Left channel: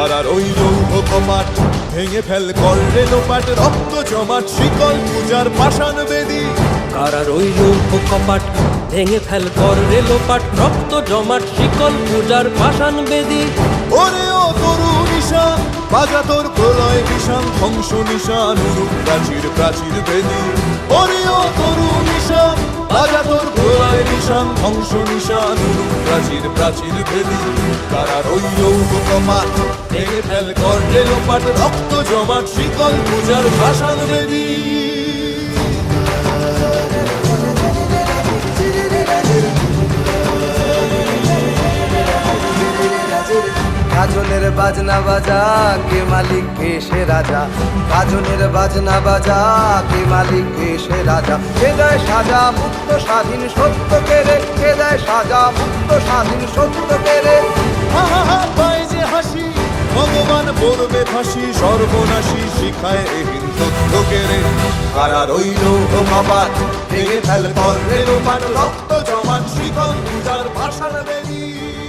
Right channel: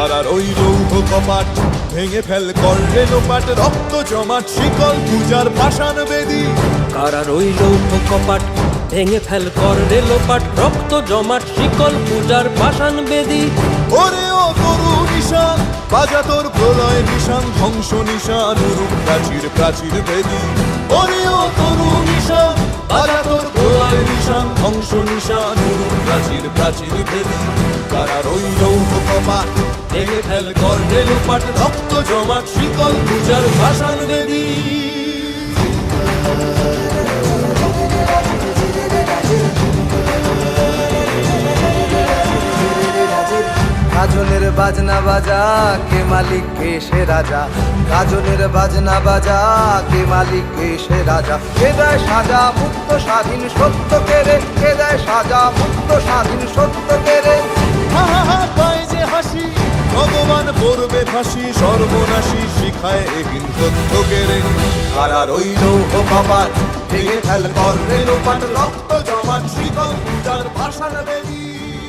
কারার ওই লৌহ কপাট ভেঙে ফেল কর রেলোপাট রক্ত জমাট শিকল পূজার পাষাণ বেদী। কারা রইল কপাট ভেঙে ফেল কর রেলোপাট রক্ত জমাট শিকল পূজার পাষাণ বেদী। ওরে ও তরু নিশান বাজা তোর প্রলয় বিষান ধ্বংস নিশান উরুপ প্রাচীর প্রাচীর ভেদি ওরে ও তরু নিশান বাজা তোর প্রলয় নিশান ধ্বংস নিশান উরুপ প্রাচীর প্রাচীর ভেদি কারা রইল কপাট ভেঙে ফেল রক্ত জমাট, শিকল পূজার গাজনের বাজনা বাজা, কে মালিক, কে সে রাজা? গাজনের বাজনা বাজা, কে মালিক, কে সে রাজা? কে দেয় সাজা মুক্ত স্বাধীন সত্য কে রে? কে দেয় সাজা মুক্ত স্বাধীন সত্য কে রে? হা হা হাসি ভগবান পড়বে ফাঁসি, সর্বনাশী শিখায় এহীন তথ্য কেড়ে। কারা রইল কপাট ভেঙে ফেল কর রেলোপাট রক্ত জমাট শীতল পূজার ভাষার বেরিয়ে